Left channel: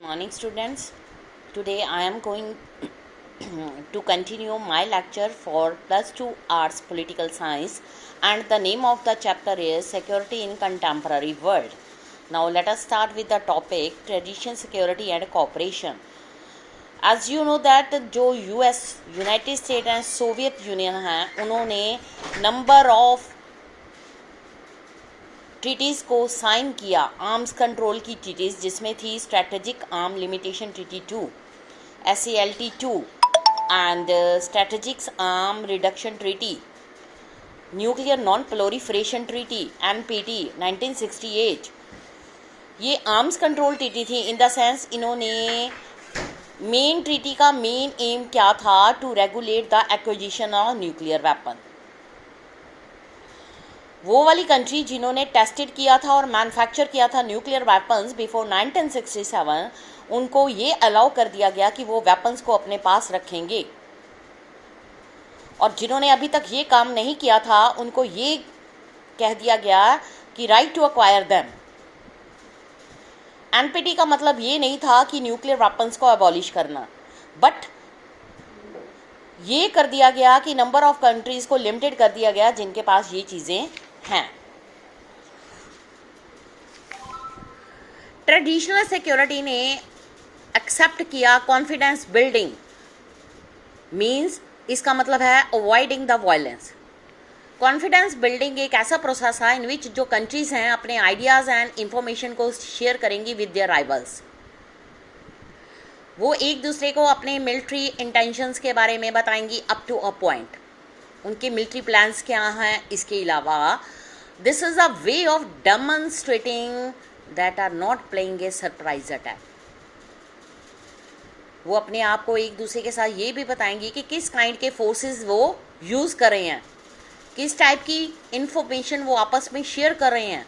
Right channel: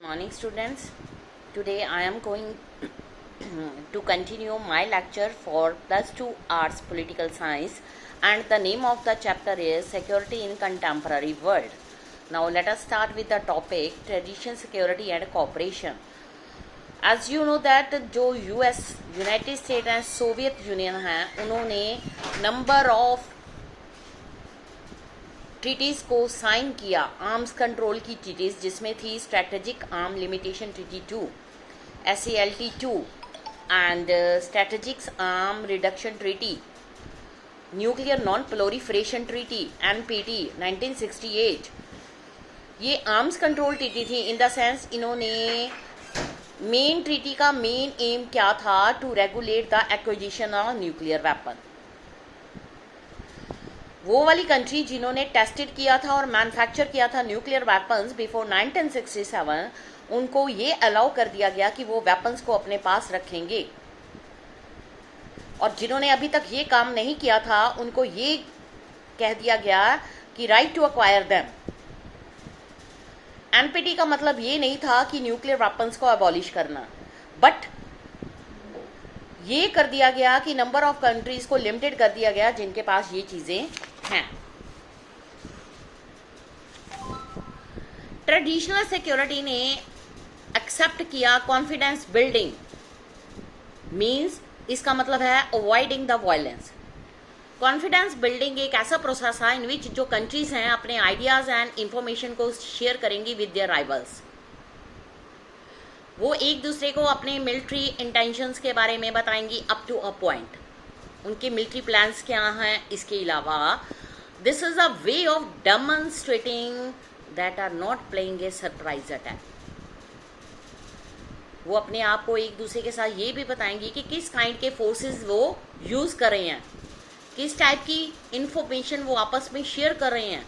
Morning students, today I am going to continue my lecture for plus 2 arts political science, and the name of the chapter is security in contemporary world. Now let us start with the topic tradition, security and cooperation. As you know that जो US united state and Soviet union हैं उन्होंने number of treaties को sign किया, arms control की treaties, जिसमें थी strategic arm limitation treaty 2 SALT 2 and strategic arm reduction treaty, nuclear non proliferation treaty NPT 1968. ये arms control treaty थी in the sense इन्होंने मेन ट्रीटी का मेन एम क्या था, to regulate the acquisition of nuclear weapon. वो वाली country जिन्होंने tested किया था और मैन्युफैक्चर किया था न्यूक्लियर वेपन्स बिफोर 1967, उनको ये अलाउ कर दिया गया कि वो वेपन्स को अपने पास रखेंगे, और जिन्होंने अभी तक ये काम नहीं किया था उनको ये कह दिया गया कि right to acquire them. NPT का मतलब ये नहीं था कि न्यूक्लियर वेपन्स को अबॉलिश करना, बट ये कर दिया गया कि नंबर ऑफ कंट्रीज को लिमिटेड कर दिया गया जिनके पास ये चीजें हैं. ट्रेडिशनल सिक्योरिटी ने एक्सेप्ट किया कॉन्फिडेंस बिल्डिंग, मींस इसका मतलब है avoiding the violence. Confidence building एक ऐसा प्रोसेस है इन विच जो कंट्रीज हैं अपने आइडियाज एंड इंफॉर्मेशन को शेयर करेंगी विद देयर राइवल्स. वो एक दूसरे को अपने मिलिट्री इंटेंशंस के बारे में बताएंगी अप टू अ पॉइंट, उनके मिलिट्री प्लान्स क्या हैं. इसके अलावा this is a way of demonstrating that are not playing a surprise attack. वो अपने आप को एक दूसरे के साथ ये भी बताएंगी कि किस काइंड के फोर्सेस वो यूज कर रहे हैं, किस टाइप की इंफॉर्मेशन वो आपस में शेयर कर रहे हैं.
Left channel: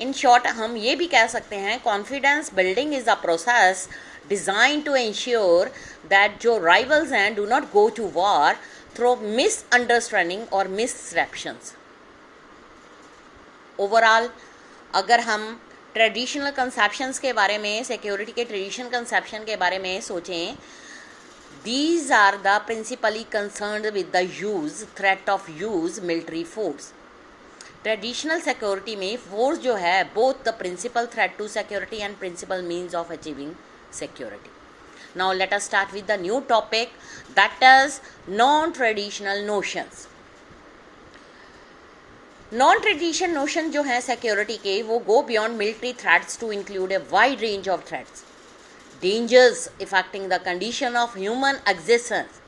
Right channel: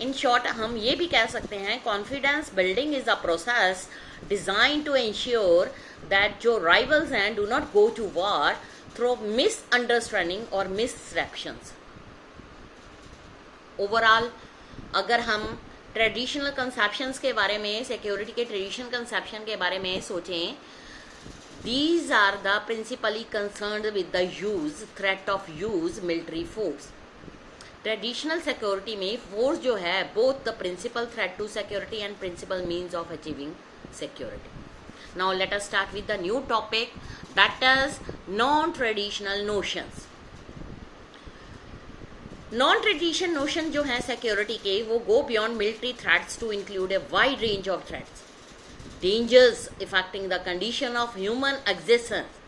इन शॉर्ट हम ये भी कह सकते हैं confidence building is a process design to ensure that जो राइवल्स हैं do not go to war through misunderstanding और मिससेप्शंस. ओवरऑल अगर हम ट्रेडिशनल कंसेप्शंस के बारे में, सिक्योरिटी के ट्रेडिशनल कंसेप्शन के बारे में सोचें, these are the principally concerned with the use, threat of use military force. Traditional security में फोर्स जो है both the principal threat to security and principal means of achieving security. Now let us start with the new topic that is non traditional notions. Non traditional notion जो है security के, वो go beyond military threats to include a wide range of threats, dangers affecting the condition of human existence.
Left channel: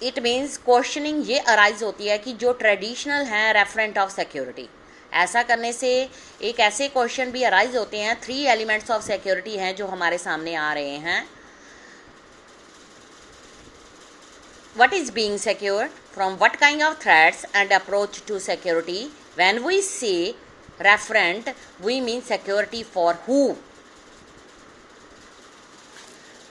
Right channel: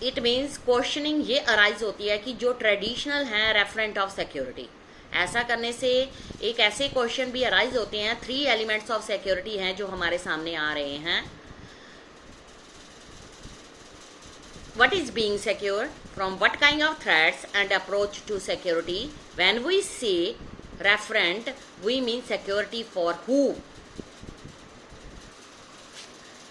It means questioning ये arise होती है कि जो traditional हैं रेफरेंट ऑफ सिक्योरिटी, ऐसा करने से एक ऐसे क्वेश्चन भी अराइज होते हैं. 3 एलिमेंट्स ऑफ सिक्योरिटी हैं जो हमारे सामने आ रहे हैं. What is being secure? From what kind of threats and approach to security? When we say referent, we mean security for who?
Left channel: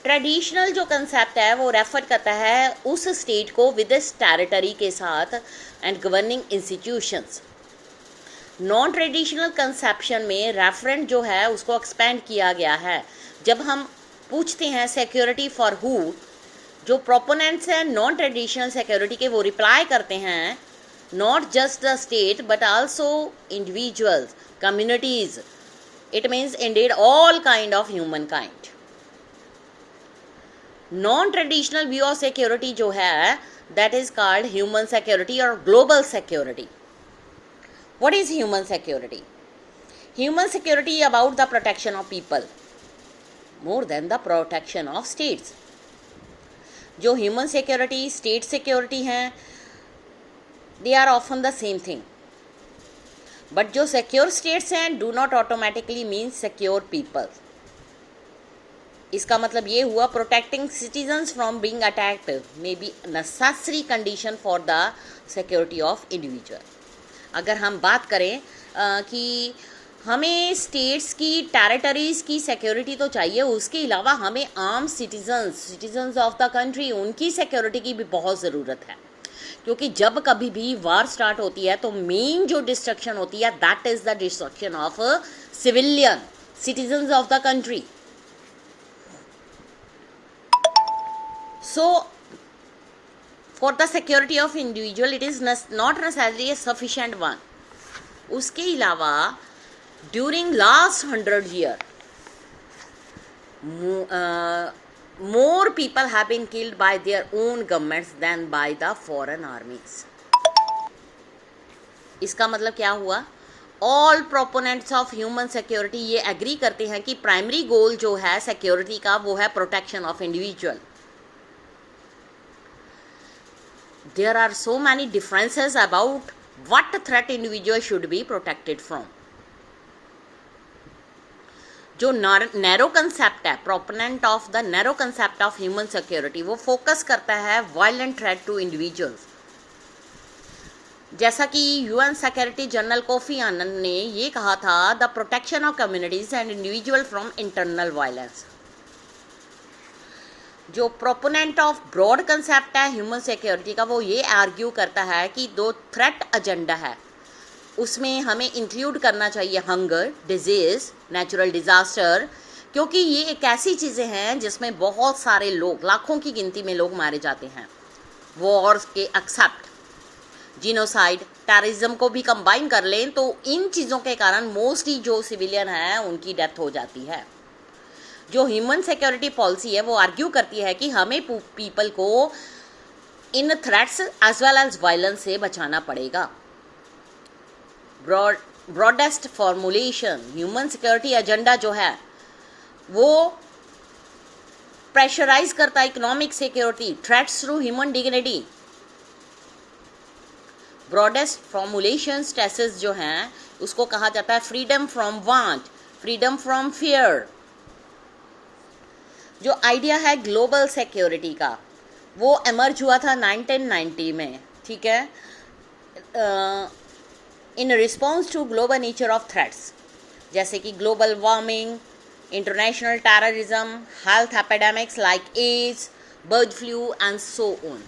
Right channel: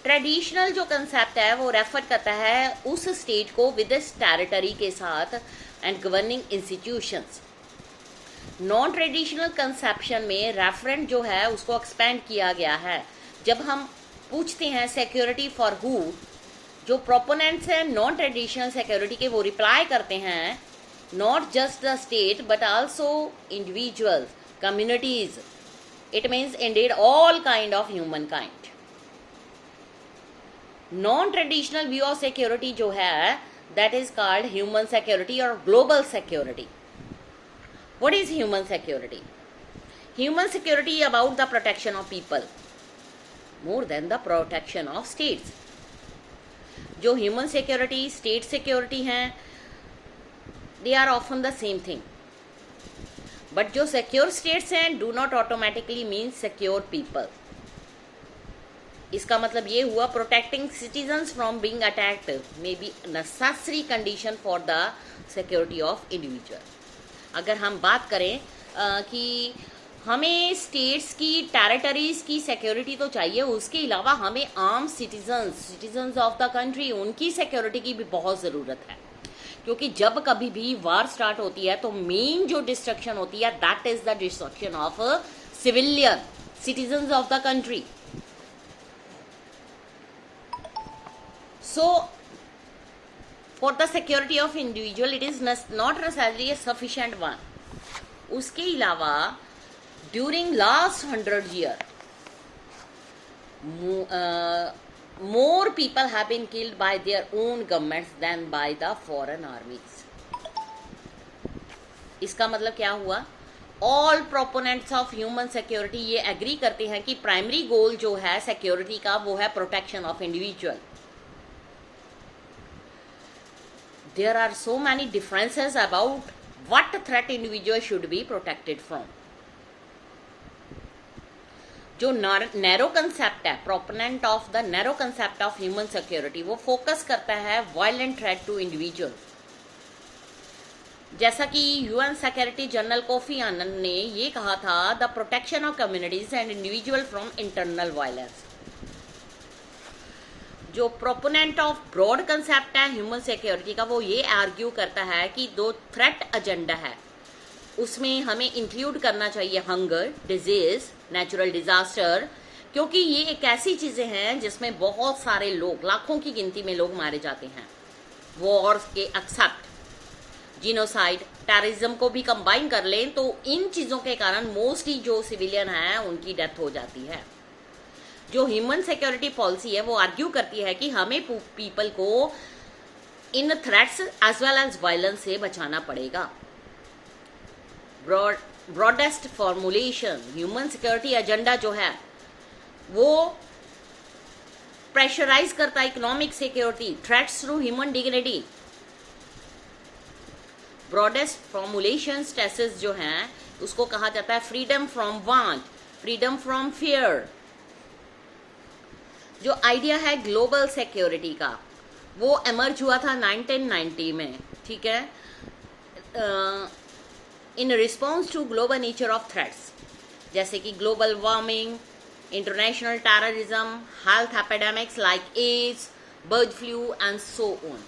Traditional जो कंसेप्ट है वो रेफर करता है उस स्टेट को विद इस टेरिटरी के साथ and governing institutions. Non traditional conception में रेफरेंट जो है उसको एक्सपेंड किया गया है. जब हम पूछते हैं सिक्योरिटी फॉर हु, जो प्रोपोनेंट्स हैं नॉन ट्रेडिशनल सिक्योरिटी के, वो रिप्लाई करते हैं not just the state but also individuals, communities. It means indeed all kind of human kind. Non traditional view of security जो है that is called human security और global security. What is human security? Human security about the protection of people more than the protection of states. जो human security, state security हैं, they are often the same thing, but जो secure states हैं do not automatically mean secure people. इसका मतलब ये हुआ protecting citizens from being attacked may be necessary condition for the security of individual. अगर हम बात करें कि हमें स्टेट्स की, टेरिटरीज की सिक्योरिटी तो चाहिए, उसके अलावा हमें arm citizens of the country, उनकी सिक्योरिटी की भी बहुत ज़रूरत है. क्योंकि जब कभी भी वार स्टार्ट होती है तो मेन जो डिस्ट्रक्शन होती है that is the destruction of civilian. citizens of the country. So for the security of individual it is not necessarily a sufficient one. उसके अलावा during last 100 year more people have been killed by their own governments than by the foreign armies. इसका मतलब क्या हुआ? All proponents of human security ये agree करते हैं कि प्राइमरी गोल जो है सिक्योरिटी का वो है protection of individual. There are so many differences about what threat individual should be protected from. जो नैरो कंसेप्ट है, proponent of the narrow concept of human security, वो फोकस करता है वायलेंट थ्रेट टू इंडिविजुअल्स. जैसा कि UN security general coffee आनन ने ये कहा था, the protection of communities and individual from internal violence. जो प्रोपोनेंट ऑफ ब्रॉड कंसेप्ट है ह्यूमन सिक्योरिटी का, वो ये आर्ग्यू करता है कि दो थ्रेट एजेंडा है उसमें हमें इंक्लूड करना चाहिए हंगर, डिजीज, नेचुरल डिजास्टर, क्योंकि ये एक ऐसी चीज़ें हैं जिसमें बहुत सारे लोग, लाखों की गिनती में लोग मारे जाते हैं. वॉर्स के एक्सेप्ट जीनोसाइड, टेररिज्म को भी कंबाइन कर लें तो इन चीज़ों के कारण मोस्टली जो सिविलियन हैं उनकी डेथ हो जाती है. जो ह्यूमन सिक्योरिटी पॉलिसी है वो आर्ग्यू करती है कि हमें पीपल को इन threats as well as violence से बचाना पड़ेगा. Broadest formulation human security agenda जो है वो प्रेशराइज करता है economic security, threats through human dignity. Broadest formulation stresses जो हैं उसको कहा जाता है freedom from want, freedom from fear. जो आइडिया है ग्लोबल सिक्योरिटी का वो एमर्ज हुआ था 1990 में, ठीक है, in response to global nature of threats जैसे कि global warming, international terrorism, health epidemics like AIDS, bird flu and so on.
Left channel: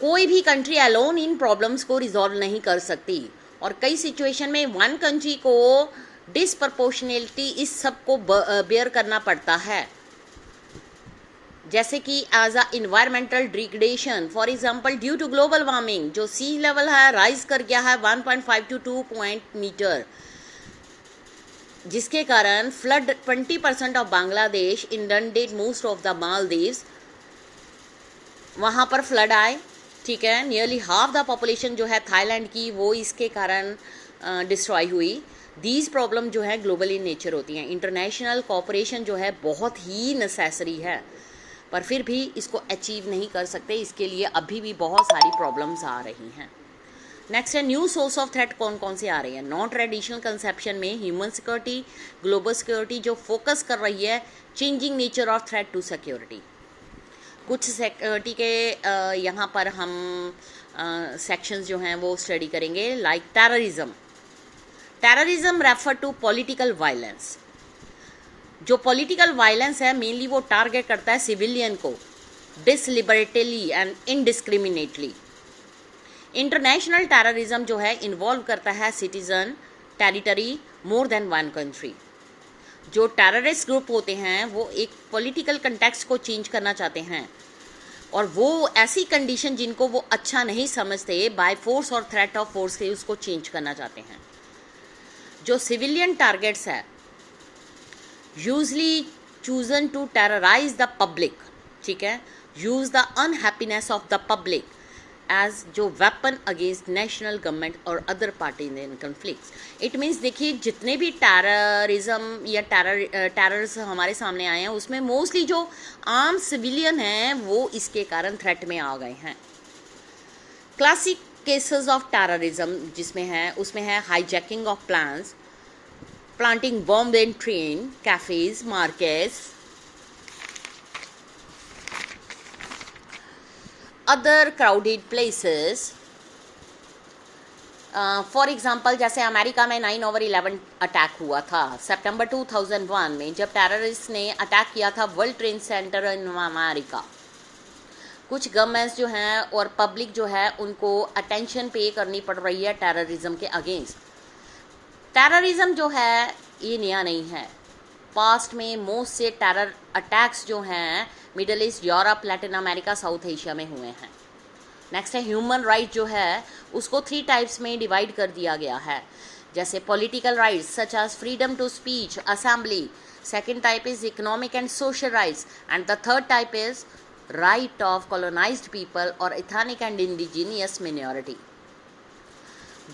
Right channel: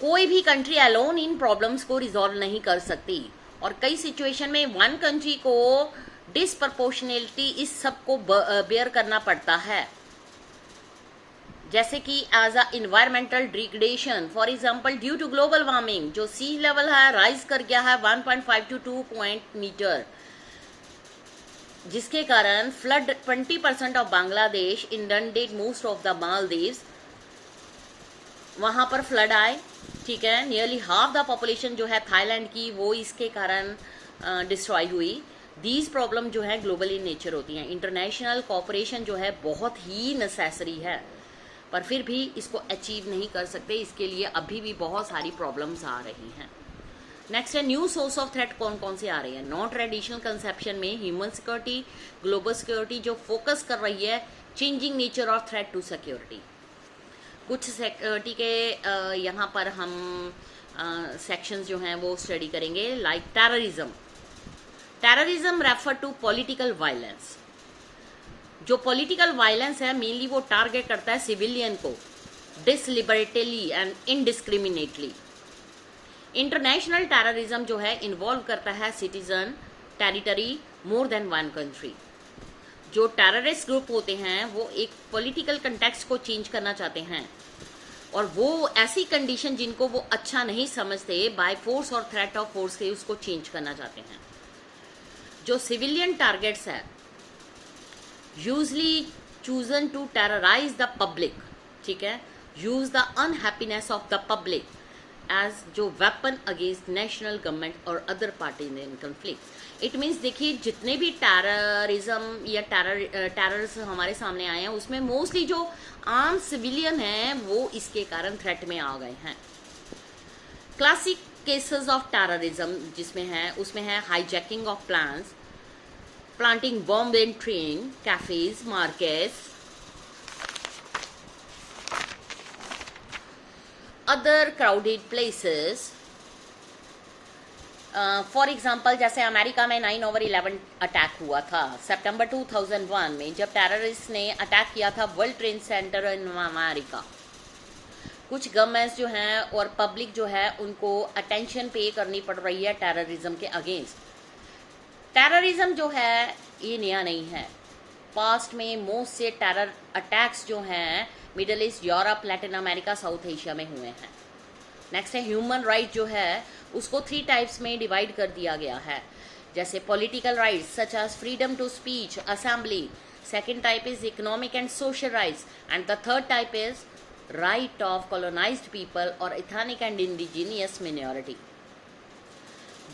कोई भी कंट्री अलोन इन प्रॉब्लम्स को रिजॉल्व नहीं कर सकती और कई सिचुएशन में वन कंट्री को डिसप्रपोर्शनलिटी इस सब को बेयर करना पड़ता है. जैसे कि as a environmental degradation, for example due to global warming जो सी लेवल है राइज कर गया है 1.5 to 2 मीटर, जिसके कारण flood 20% of Bangladesh inundated most of the Maldives, वहाँ पर फ्लड आए, ठीक है. नियरली हाफ द पॉपुलेशन जो है थाईलैंड की वो इसके कारण डिस्ट्रॉय हुई. दीज प्रॉब्लम जो है ग्लोबल इन नेचर होती हैं. इंटरनेशनल कोऑपरेशन जो है बहुत ही नेसेसरी है पर फिर भी इसको अचीव नहीं कर सकते. इसके लिए अभी भी बहुत सारी प्रॉब्लम्स आ रही हैं. नेक्स्ट है न्यू सोर्स ऑफ थ्रेट कौन कौन से आ रही है. नॉन ट्रेडिशनल कंसेप्शन में ह्यूमन सिक्योरिटी, ग्लोबल सिक्योरिटी जो फोकस कर रही है changing nature of threat to security. कुछ सिक्योरिटी के यहाँ पर हम सेक्शंस जो हैं वो स्टडी करेंगे. Like terrorism. Terrorism refer to political violence. जो पॉलिटिकल वायलेंस है मेनली वो टारगेट करता है सिविलियन को deliberately and indiscriminately. International terrorism जो है इन्वॉल्व करता है citizen, territory, more than one country. जो टेररिस्ट ग्रुप होते हैं वो एक पॉलिटिकल कंटेक्स्ट को चेंज करना चाहते हैं और वो ऐसी कंडीशन जिनको वो अच्छा नहीं समझते बाय फोर्स और थ्रेट ऑफ फोर्स से उसको चेंज करना चाहते हैं. जो सिविलियन टारगेट्स है usually chosen to terrorise the public, ठीक है, use the unhappiness of the public as जो वेपन अगेंस्ट नेशनल गवर्नमेंट और other party in conflicts. It means देखिए जितने भी टेररिज्म या टेरर्स हमारे सामने आए हैं उसमें मोस्टली जो आम सिविलियन हैं वो इसके कारण थ्रेट में आ गए हैं. क्लासिक केसेस ऑफ टेररिज्म जिसमें है उसमें है hijacking of plans, planting bomb in train, cafes, markets, other crowded places. For example जैसे अमेरिका में 9/11 अटैक हुआ था सितंबर 2001 में, जब टेररिस्ट ने अटैक किया था world trade centre in America. कुछ गवर्नमेंट्स जो हैं और पब्लिक जो है उनको अटेंशन पे करनी पड़ रही है टेररिज्म के अगेंस्ट. टेररिज्म जो है ये नया नहीं है। पास्ट में मोस्ट से टेरर अटैक्स जो हैं middle east, Europe, Latin America, south Asia में हुए हैं। नेक्स्ट है ह्यूमन राइट जो है उसको 3 टाइप्स में डिवाइड कर दिया गया है, जैसे political rights such as freedom to speech, assembly. Second type is economic and social rights and the third type is right of colonised people और ethnic and indigenous minority.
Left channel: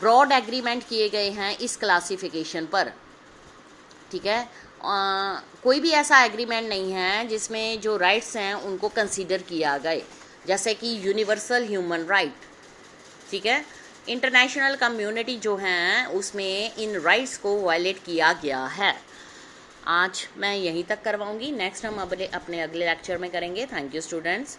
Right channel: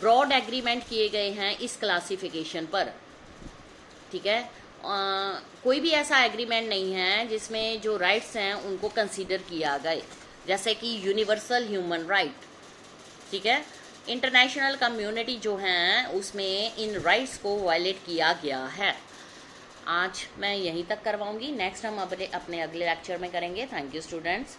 Broad agreement किए गए हैं इस क्लासिफिकेशन पर, ठीक है। कोई भी ऐसा एग्रीमेंट नहीं है जिसमें जो राइट्स हैं उनको कंसीडर किया गए, जैसे कि यूनिवर्सल ह्यूमन राइट, ठीक है। इंटरनेशनल कम्युनिटी जो हैं उसमें इन राइट्स को वायलेट किया गया है। आज मैं यहीं तक करवाऊंगी, नेक्स्ट हम अपने अगले लेक्चर में करेंगे। Thank you students.